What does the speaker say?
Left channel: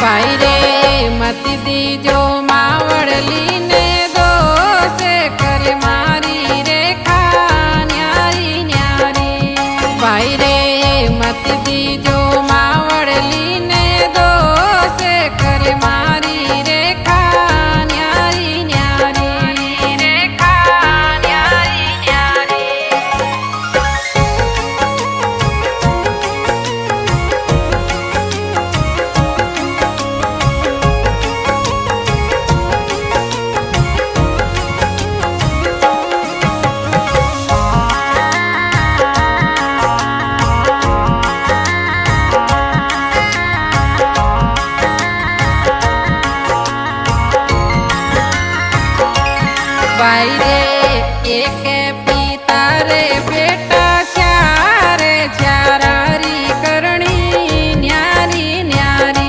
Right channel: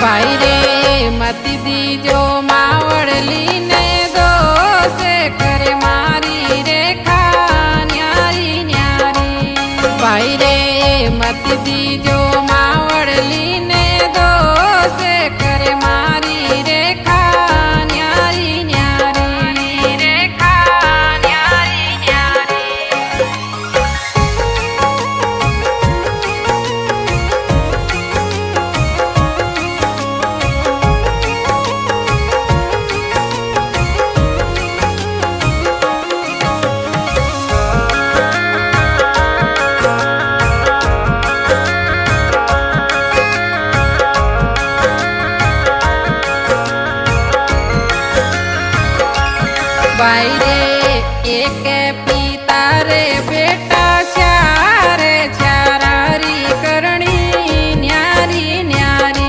भाई रे मत दीजो मावड़ली ने दोसे करे मारी रेखा न्यारी न्यारी। भाई रे मत दीजो मावड़ली ने दोसे करे मारी रेखा न्यारी न्यारी रेखा न्यारी न्यारी। भाई रे एक पिता रे बेटा चारे चारा।